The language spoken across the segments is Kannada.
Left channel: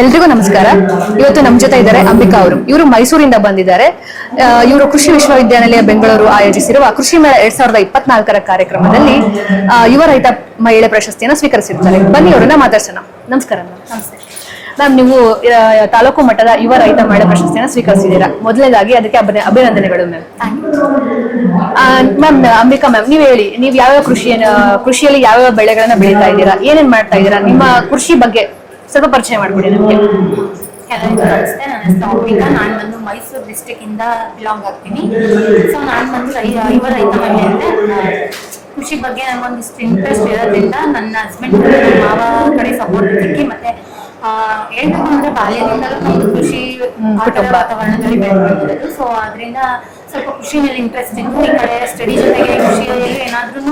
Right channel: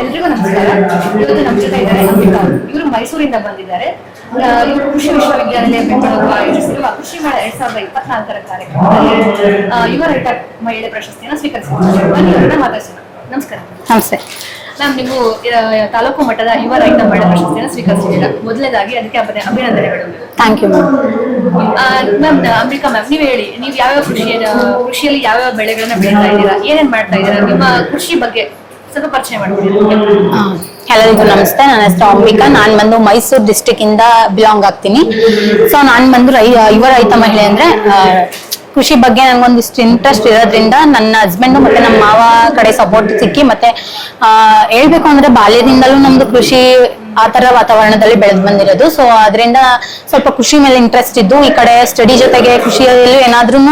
ಎಲ್ರಿಗೂ ನಮಸ್ಕಾರ. ಇವತ್ತು ನಮ್ಮ ಜೊತೆ ಇದ್ದಾರೆ ಅಂಬಿಕಾ ಅವರು. ಇವರು ಮೈಸೂರಿಂದ ಬಂದಿದ್ದಾರೆ. ಇವರು ಕೃಷಿ ವಿಶ್ವವಿದ್ಯಾನಿಲಯ ಬೆಂಗಳೂರು ಆಯೋಜಿಸಿರುವ ಕೃಷಿ ಮೇಳ 2024ರ ಕಾರ್ಯಕ್ರಮದಲ್ಲಿ ಯುವ ರೈತ ಮಹಿಳೆ ಪ್ರಶಸ್ತಿಯನ್ನು ಸ್ವೀಕರಿಸಿದ್ದಾರೆ. ಬನ್ನಿ ಅವರನ್ನ ಮಾತಾಡ್ಸೋಣ. ನಮಸ್ಕಾರ. ನಮಸ್ತೆ ಮ್ಯಾಮ್, ನೀವು ತಾಲೂಕು ಮಟ್ಟದ ಯುವ ರೈತ ಮಹಿಳಾ ಪ್ರಶಸ್ತಿಯನ್ನು ಸ್ವೀಕರಿಸಿದ್ದೀರಾ. ಮೊದಲನೇದಾಗಿ ಅದಕ್ಕೆ ಅಭಿನಂದನೆಗಳು ma'am. Thank you ma'am. Ambika ma'am, ನೀವು ಹೇಳಿ, ನೀವು ಯಾವ್ಯಾವ ಕೃಷಿಯಲ್ಲಿ ಯಾವ್ಯಾವ ಬೆಳೆಗಳನ್ನ ಬೆಳೀತಾ ಇದ್ದೀರಾ, ಏನೇನ್ ಮಾಡ್ತಾ ಇದ್ದೀರಾ, ನಿಮ್ಮ ಕೃಷಿ ಬಗ್ಗೆ ಸ್ವಲ್ಪ ಪರಿಚಯ ಮಾಡ್ಬಿಡಿ ನಮಗೆ. ಎಲ್ಲರಿಗೂ ನಮಸ್ತೆ. ನನ್ನ ಹೆಸರು ಅಂಬಿಕಾ. ನಾನು ಬಂದು ಮೈಸೂರು ಡಿಸ್ಟಿಕ್ ಇಂದ ಬಿಲಾಂಗ್ ಆಗ್ತೀನಿ. ಸೊ ನಾನು ಬಂದು ಯುವ ರೈತ ಮಹಿಳೆ ಅಂದ್ರೆ ಕೃಷಿ ಬಗ್ಗೆ ನನಗೊಂದಿಷ್ಟು ಇಂಟ್ರೆಸ್ಟ್ ಇರೋದ್ರಿಂದ ನನ್ನ ಹಸ್ಬೆಂಡ್ ಮತ್ತೆ ನಮ್ಮ ಮಾವ ಕಡೆ ಸಪೋರ್ಟ್ ಸಿಕ್ಕಿ, ಮತ್ತೆ ಹೇಳ್ಬೇಕು ಅಂದ್ರೆ ಬಾಲ್ಯದಿಂದಲೂ ನಮ್ದು ಕೃಷಿ ಆ ತರ ವಾತಾವರಣದಲ್ಲಿ ಬೆಳೆದು ಬಂದಿರೋದು. ಸೊ ಅದರಿಂದ ಸ್ವಲ್ಪ ಕೃಷಿ ಮೇಲೆ ಇಂಟ್ರೆಸ್ಟ್ ಇದ್ದು, ಈ ಕಡೆ ಸ್ಟಡಿ ಜೊತೆಗೆ ಕೃಷಿಯಲ್ಲಿ ಏನಾದ್ರೂ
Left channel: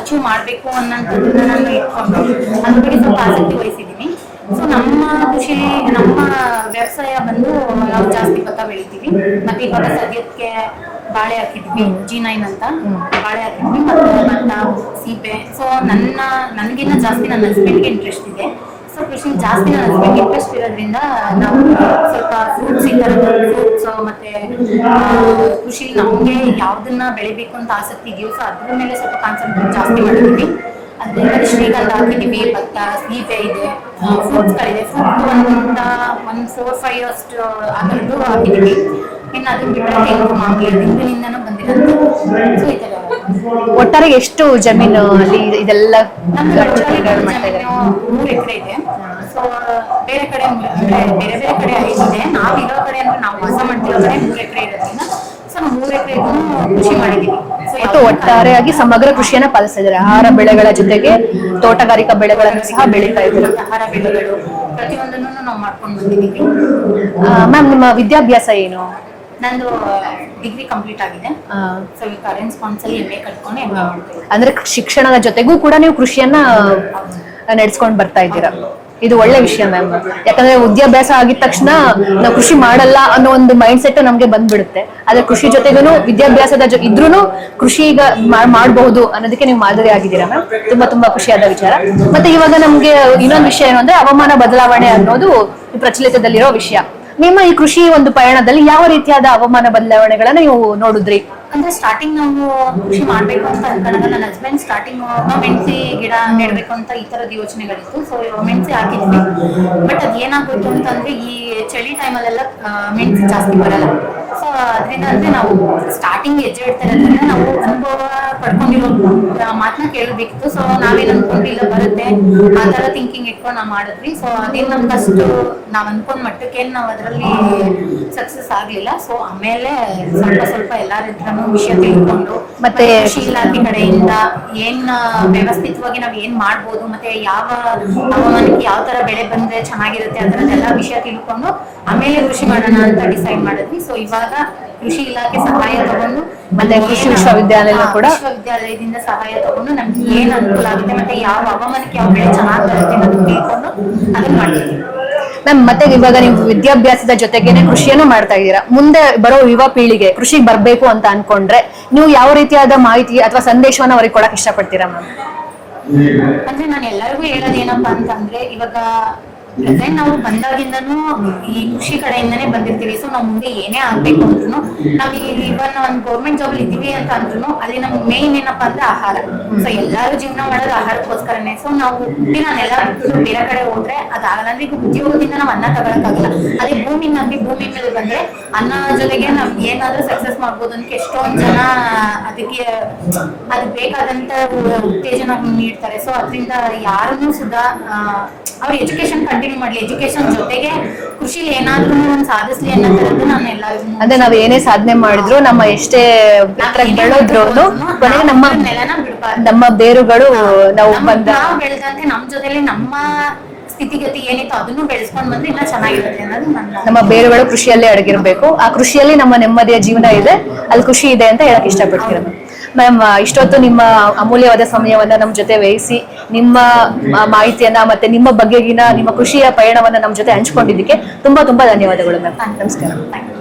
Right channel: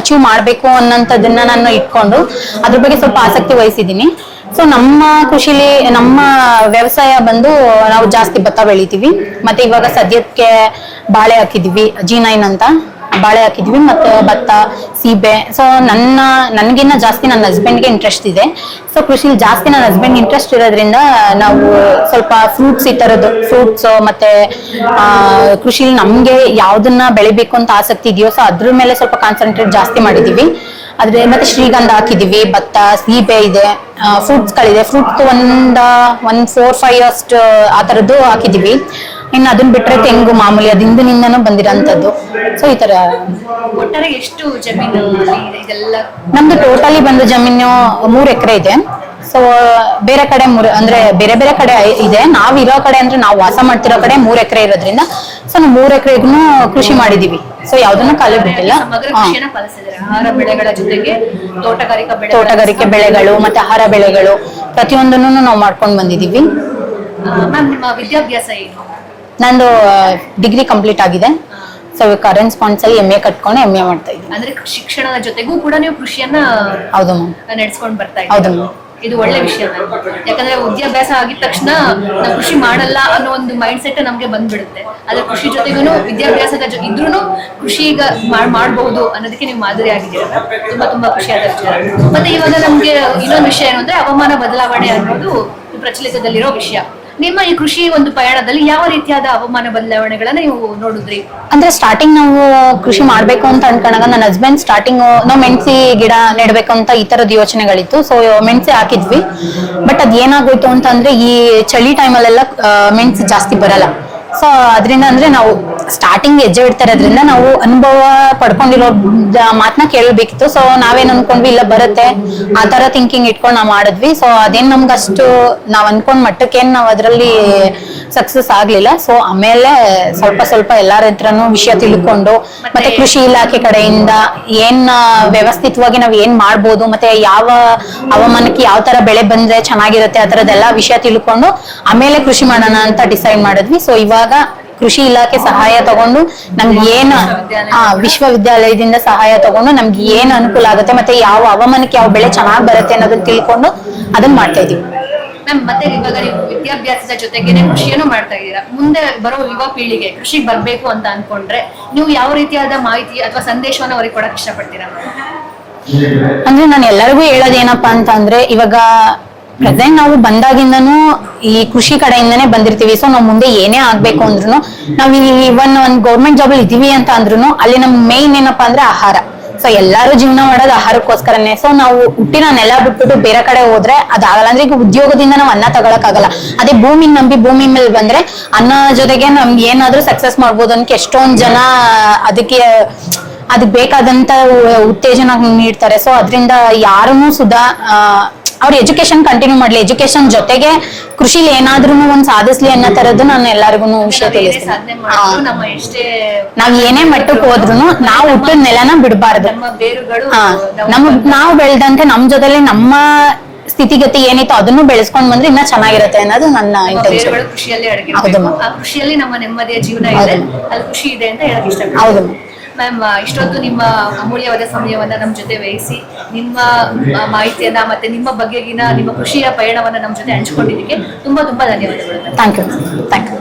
ಅಚೀವ್ ಮಾಡ್ಬೇಕು ಅನ್ನೋಂಥದ್ದನ್ನ ನಾನು ಇಟ್ಕೊಂಡು ಅದ್ರ ಬಗ್ಗೆ ಸ್ವಲ್ಪ ಆಸಕ್ತಿ ವಹಿಸಿದ್ದೀನಿ. ಸೊ ನಮ್ಮ ಕೃಷಿಲಿ ನಮ್ಮ ವ್ಯವಸಾಯ ಬಂದು ನಾವು ಜಾಸ್ತಿ ಭತ್ತ ಬೆಳಿತೀವಿ, ಮತ್ತೆ ಇವಾಗ ಸದ್ಯಕ್ಕೆ ಬಾಳೆ ಹಾಕಿದ್ವಿ, G9 ಅಂತ ಬಾಳೆ ಹಾಕಿದ್ವಿ, ಮತ್ತೆ ಭತ್ತ, ಸೀಬೆ. ಸೊ ನನ್ಗಿನ್ನ ಜಾಸ್ತಿ ನನ್ನ ಹಸ್ಬೆಂಡ್ಗೆ ಇಂಟ್ರೆಸ್ಟ್ ಇದೆ. ಸೊ ಕೃಷಿಲಿ ಜಾಸ್ತಿ ನನ್ನ ಹಸ್ಬೆಂಡ್ ಇಂಟ್ರೆಸ್ಟ್ ಇರೋದ್ರಿಂದ ನಾವು ಸ್ವಲ್ಪ ಫ್ರೂಟ್ಸ್, ಈ ತರದ್ದು ಫ್ರೂಟ್ಸ್, ಮತ್ತೆ ಕೃಷಿಲಿ ನಮ್ಗೆ ಯಾವ್ದನ್ನ ಬೆಳಿಬೇಕು ಅಂತ ಆಸಕ್ತಿ ಇದೆಯೋ ಸೊ ಅದ್ರ ಮೇಲೆ ಸ್ವಲ್ಪ ಕಾನ್ಸಂಟ್ರೇಟ್ ಜಾಸ್ತಿ ಮಾಡಿದೀವಿ. ಆದ್ರೆ ಮತ್ತೆ ಶ್ರೀಗಂಧ ಹಾಕಿದೀವಿ, ಭತ್ತ, ಸೀಬೆ ಇದೆ, ಫ್ರೂಟ್ಸ್ ಗಳಿದೆ. ಫ್ರೂಟ್ಸ್ ಒಂದ್ 4-5 ಅಷ್ಟು ಆ ತರದ್ದು ಹಾಕಿದೀವಿ. ಇನ್ನು ಅದನ್ನ ಬಿಟ್ರೆ ತೆಂಗು ಮಾಮೂಲಿ ಅದು ಹಿಂದಿನಿಂದನೂ ಬಂದಿರೋಂಥದ್ದು. ಸೊ ಈ ತರ ಒಟ್ಟಾರೆ ಎಷ್ಟು ಜಮೀನು ಅಲ್ಲಿ ಇದೆಲ್ಲ? ನಮ್ದು ಟೋಟಲಿ ಬಂದು ಜಮೀನು 3 ಎಕರೆ ಇದೆ. ಸೊ ಬೇರೆ ಕಡೆ ಅಂದ್ರೆ ಬೇರೆ ಬೇರೆ ಕಡೆ ಇದೆ. ನಾವಿರೋ ಕಡೆ ಅಂದ್ರೆ ನಾವು ವಾಸ ಮಾಡ್ತಿರೋ ಕಡೆ 3 ಎಕರೆ ಇರೋದ್ರಿಂದ ಸೊ ನಾವು 3 ಎಕರೆಗೂ ಕೃಷಿ ಮಾಡಿದೀವಿ. ಸೊ ಯಾವ್ದು ಸಮಗ್ರ ಕೃಷಿಯನ್ನ ಪಾಲಿಸ್ತಿದ್ದಾರೆ. ಆಹಾರ ಬೆಳೆಗಳ ಜೊತೆಗೆ ತೋಟಗಾರಿಕಾ ಬೆಳೆಗಳು ಮತ್ತೆ ಆಹಾರ ಬೆಳೆಗಳು ಪ್ರತಿಯೊಂದನ್ನು ನಾವು ಮಾಡ್ಕೊಂಡು ಬಂದಿದೀವಿ. ಮ್ಯಾಮ್, ನಿಮ್ಮ ವಿದ್ಯಾಭ್ಯಾಸ ಏನು? ನಂದು ಡಿಗ್ರಿ ಕಂಪ್ಲೀಟ್ ಆಗಿದೆ. ಸೊ ಕರೆಂಟ್ ಸ್ಪಾನ್ಸ್ ಅಲ್ಲಿ MA ಕಟ್ಕೊಂಡು MA ಮಾಡ್ತಾ ಇದ್ದೀನಿ. ಅಂದ್ರೆ ಶಿಕ್ಷಣದ ಜೊತೆಗೂ ಕೂಡ ನೀವು ಕೃಷಿಯನ್ನ ಹೌದು ನಡೆಸ್ಕೊಂಡು ಬರ್ತಾ ಇದ್ದೀರಾ. ಇದು ಒಳ್ಳೆ ವಿಷಯ ಮ್ಯಾಮ್. ಯಾಕಂದ್ರೆ ವಿದ್ಯಾಭ್ಯಾಸ ಆಗಿದ ತಕ್ಷಣ ನಾವು ಕೃಷಿ ಮಾಡಲ್ಲ ಅನ್ನೋ ಒಂದು ಮೈಂಡ್ ಸೆಟ್ ನಮ್ಗೆ ಬಂದ್ಬಿಡುತ್ತೆ. ಆದ್ರೆ ಕೃಷಿ ಜೊತೆಗೂ ವಿದ್ಯಾಭ್ಯಾಸದ ಇದ್ರೂ ಕೃಷಿ ಈಗ ಮಾಡಬಹುದು ಅನ್ನೋದಕ್ಕೆ ನೀವು ಮಾದರಿ ಆಗಿದ್ದೀರಾ ಮ್ಯಾಮ್. ತುಂಬಾ ಖುಷಿಯಾದ ವಿಚಾರ. ಮತ್ತೆ ಇವಾಗ ನಮ್ಗೆ ಇನ್ನೊಂದು ವಿಷಯ ಏನು ಅಂದ್ರೆ ಹವಾಮಾನ ಬದಲಾವಣೆ ಅನ್ನೋದು ಪ್ರಚಲಿತದಲ್ಲಿರೋ ವಿಷಯ. ನಿಮ್ಮ ಈ ಕೃಷಿ ಒಂದು ಪಯಣದಲ್ಲಿ ಯಾವ ರೀತಿಯಾದ ಹವಾಮಾನ ಬದಲಾವಣೆಗಳನ್ನ ನೀವು ನೋಡಿದ್ರಿ? ಅಂದ್ರೆ ಸ್ಟಾರ್ಟಿಂಗ್ ನಾವು ಕೃಷಿ ಮಾಡ್ಬೇಕು ಅಂತ ಅನ್ಕೊಂಡಾಗ ನನ್ನ ಹಸ್ಬೆಂಡ್ ಸ್ಟಾರ್ಟಿಂಗ್ ನಾವು ಮೆಣಸಿ ಗಿಡ ನೆಡ್ಬೇಕು ಅಂತ ಈ ತರದ ಯೋಚನೆಗಳಿತ್ತು. ಸೊ ಮೆಣಸಿ ಹಾಕಿದ್ವಿ. ಬಟ್ ಅದ್ ಏನಾಗೋಯ್ತು ಅಂತ ಅಂದ್ರೆ ಈ ಚಳಿ ಟೈಮಲ್ಲೆಲ್ಲ ಮೆಣಸಿ ಜಾಸ್ತಿ ಬರಲ್ಲ. ಸೊ ಅದರಿಂದ ಅಂದ್ರೆ ನಾವು ಸ್ಟಾರ್ಟಿಂಗ್ ಹೆಜ್ಜೆ ಇಡ್ತಾ ಇರೋದ್ರಿಂದ ನಾವು ಅನುಭವ ಪಡ್ಕೊಂಡಿರೋ ಮಾತನ್ನ ಕೇಳಬೇಕಿತ್ತು. ಸೊ ನಾವೇನ್ ಅನ್ಕೊಂಡ್ವಿ, ಇಲ್ಲ ಬರುತ್ತೆ ಆ ತರ ಥಿಂಕಿಂಗ್ ಇಟ್ಕೊಂಡು ನಾವು ಮಾಡಿದ್ವಿ. ಸೊ ಅದೇನ್ ನಮ್ಗಷ್ಟು ನಾವ್ ಅನ್ಕೊಂಡ್ ಮಟ್ಟಕ್ಕೇನ್ ನಾವ್ ಅದ್ರಲ್ಲಿ ಸಕ್ಸಸ್ ಆಗ್ಲಿಲ್ಲ. ಸೊ ಆಮೇಲೆ ಸ್ವಲ್ಪ ಎಲ್ಲಾರ ಹತ್ರನು ವಿಷಯ ತಿಳ್ಕೊಂಡು ಮತ್ತೆ ಕೃಷಿ ಇಲಾಖೆ ಕಡೆಯಿಂದ ಏನ್ ವ್ಯವಸ್ಥಿತವಾಗಿ ನಾವ್ ಏನ್ ಮಾಡ್ಬೋದು, ಮತ್ತೆ ಯಾವ ಹವಾಮಾನಕ್ಕೆ ಯಾವ ತರ ಬೆಳೆ ಬಂದ್ರೆ ಚೆನ್ನಾಗಿರುತ್ತೆ ಆ ತರದೆಲ್ಲ ವಿಷಯ ತಿಳ್ಕೊಂಡು ಆಮೇಲೆ ಕೃಷಿ ಮಾಡೋಣ ಅಂತ ಡಿಸೈಡ್ ಮಾಡಿದ್ವಿ. ಸೊ ಇವಾಗ ಕೃಷಿ ಇಲಾಖೆ ಸಹಾಯ ತಗೊಂಡು ನಮ್ಗೆ ಏನ್ ವಿಶ್ವವಿದ್ಯಾಲಯದಿಂದ ಸಹಾಯ ತಗೊಂಡು ನಮ್ಗೆ ಏನ್ ಅನುಕೂಲ ಆಗುತ್ತೆ, ಮತ್ತೆ ಯಾವ ಹವಾಮಾನಕ್ಕೆ ಯಾವ ಬೆಳೆ ಚೆನ್ನಾಗ್ ಬರುತ್ತೆ ಅನ್ನೋದನ್ನ ತಿಳ್ಕೊಂಡು ಅದನ್ನ ಮಾಡ್ತಾ ಇದೀವಿ ಮ್ಯಾಮ್. ಮತ್ತೆ ಇವಾಗ ನೀವು ವಿದ್ಯಾಭ್ಯಾಸದ ಜೊತೆಗೇನೆ ಕೃಷಿಯನ್ನು ಮಾಡ್ತಾ ಇದ್ದೀರಾ. ಮುಂದೆ ಬರೋ ಯುವ ಪೀಳಿಗೆ ಕೃಷಿಗೆ ಬರ್ಬೇಕು ಅಂತ ಅನ್ಕೊಂಡ್ರೆ ನೀವು ಯಾವ ರೀತಿಯಾದ ಮಾಹಿತಿ ಅಥವಾ ಸಂದೇಶವನ್ನ ಅವ್ರಿಗೆ ಕೊಡಕ್ ಇಷ್ಟಪಡ್ತೀರಾ ಮ್ಯಾಮ್? ಅಂದ್ರೆ ನಾನು ಎಲ್ಲರಿಗೂ ಹೇಳೋದೇನಪ್ಪಾ ಅಂತ ಅಂದ್ರೆ, ಇವಾಗ ಪ್ರೆಸೆಂಟ್ ನಾವು ಬಂದಾಗಿಂದನೂ ಈ ಕೃಷಿ ಕಡೆಯಿಂದನೇ ಬಂದಿರ್ತೀವಿ. ಸೊ ನಾವು ಮುಂದೆ ಏನೇ ಆಗ್ಬೇಕು ಅಂದ್ರೂ ನಾವ್ ಇವನ್ ಒಂದ್ ಗೌರ್ಮೆಂಟ್ ಜಾಬ್ ಅಲ್ಲಿ ಇದೀವಿ ಅಂತ ಅಂದ್ರೂ ಅಲ್ಲಿ ನಮ್ ಮೇನ್ ಏನಪ್ಪಾ ಅಂದ್ರೆ ಆಹಾರ. ಸೊ ಎಲ್ಲಾರು ಜೀವನ ಮಾಡೋದು ಆಹಾರಕ್ಕೋಸ್ಕರನೇ. ಸೊ ನಾವು ಹುಟ್ಟಿನ ನೆಲ ಬಿಟ್ಬಿಟ್ಟು ಬೇರೆ ಕಡೆ ಹೋದ್ರೆ ಅದಾಗಲ್ಲ. ಅಂದ್ರೆ ಈಗ ಉದ್ಯೋಗದಿಂದ ನಾವು ಅನ್ನ ತಗೊಳಕ್ ಆಗಲ್ಲ. ಅದೇ ಭೂಮಿ ನಂಬಿ ಭೂಮಿ ಮೇಲೆ ಬಂದ್ರೆ ಅನ್ನ ಜೊತೆಗೆ ನಮ್ಗೆ ಏನಾದ್ರೂ ಸಕ್ಸಸ್ ಮಾಡ್ಬೋದು ಅನ್ನಕ್ಕೆ ಎಷ್ಟೊಂದ್ ಜನ ಅದಕ್ಕೆ ಬೇಕಾದಂತ ಉತ್ತೇಜನ ನೀಡ್ತಾರೆ. ಸೊ ಅದರಿಂದ ಯಾರನ್ನೂ ಸುಧಾ ಅವ್ರ ಎಜುಕೇಶನ್ ಕಂಟಿನ್ಯೂ ಮಾಡ್ಲಿ, ಎಜುಕೇಶನ್ ಜೊತೆಗೆ ಕೃಷಿಲಿ ಏನಾದ್ರೂ ಒಂದ್ ಸಾಧಿಸ್ಲಿ ಅನ್ನೋ ತರದ್ದು ನಾನು ಎಲ್ಲರಿಗೂ ನಾವ್ ಏನೇ ಸಾಧನೆ ಮಾಡಿದ್ರು, ನಮ್ಮ ಎಷ್ಟೇ ನಾವ್ ಏನೇ ಮಟ್ಟಕ್ಕೆ ಹೋದ್ರು ನಾವು ನಮ್ಮ ನೆಲನ ಬಿಡಬಾರ್ದು. ನಮ್ಮ ಬೇರುಗಳು ನಾವು ಬೆಳೆದಂತೆ ನಮ್ ಜೊತೆಲಿ ನಮ್ಮ ಸ್ಥಿತಿಗತಿ ಏನಿತ್ತು ಅದನ್ನು ಬೆಳೆಸ್ಕೊಂಡ್ ಬಂದ್ರೆ ಇನ್ನ ಚೆನ್ನಾಗಿರುತ್ತೆ ಅನ್ನೋದು ನನ್ನ ಬೇರುಗಳು ಕೃಷಿಯಲ್ಲೇ ಅಡಗಿರ್ಬೇಕು. ಆ ಕೃಷಿಯಲ್ಲಿ ನಮ್ಮ ನೆಮ್ಮದಿಯ ಜೀವನ ಇದೆ, ಅಲ್ಲಿ ಖುಷಿ ಇದೆ ಅಂತ ಹೇಳಕ್ ಇಷ್ಟಪಡ್ತೀನಿ ಮ್ಯಾಮ್. ಇಷ್ಟೊತ್ತು ನಿಮ್ಮ ಅಮೂಲ್ಯವಾದ ಸಮಯವನ್ನ ನಮ್ ಜೊತೆ ವಹಿಸಿ ನಿಮ್ಮ ಮಾಹಿತಿಯನ್ನ ಮತ್ತೆ ನಿಮ್ಮ ಬಗೆಗಿನ ನಿಮ್ಮ ಕೃಷಿಯ ಪಯಣವನ್ನ ನಮ್ ಜೊತೆ ಹಂಚ್ಕೊಂಡಿದ್ದಕ್ಕೆ ತುಂಬಾ ಧನ್ಯವಾದಗಳು ಮ್ಯಾಮ್. Thank you.